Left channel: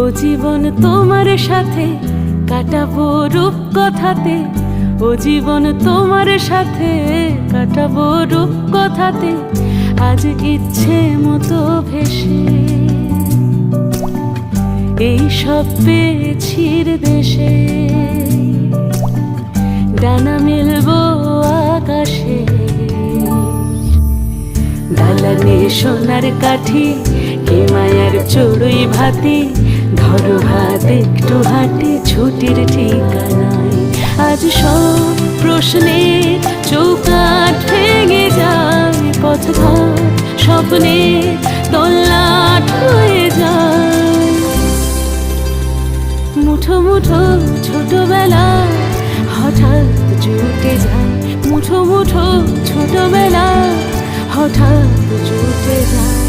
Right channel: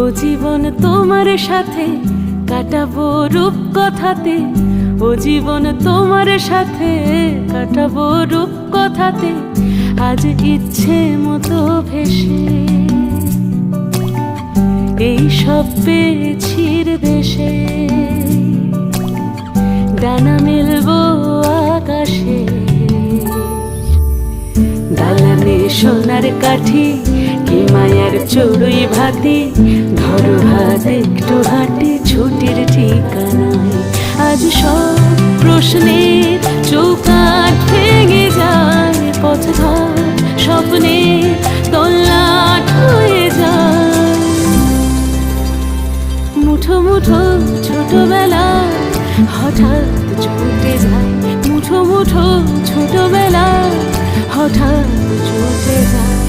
ও জীবন তোমার সাথে কাটাবো রূপ কথাতে, ও জীবন তোমার সাথে কাটাবো রূপ কথাতে, আজ ইচ্ছে মতো ভেসে এই সব পেয়েছির দেশে। ডানা মেলবো আকাশে, দালানে সোনার কাঠি, কি মায়ার চড়ুই ভাতি, ধরো হাত একটু হাঁটি ছুটির ঠিকানায়। আজ সব প্রশ্নের চৌকাঠ ভেঙে যায়, পথঘাট স্বপ্নের তল্লাট হয়ে যায়। মুঠো মুঠো ছোটবেলা হঠাৎ জুটে যায়, মুঠো মুঠো ছোটবেলা হঠাৎ জুটে যায়।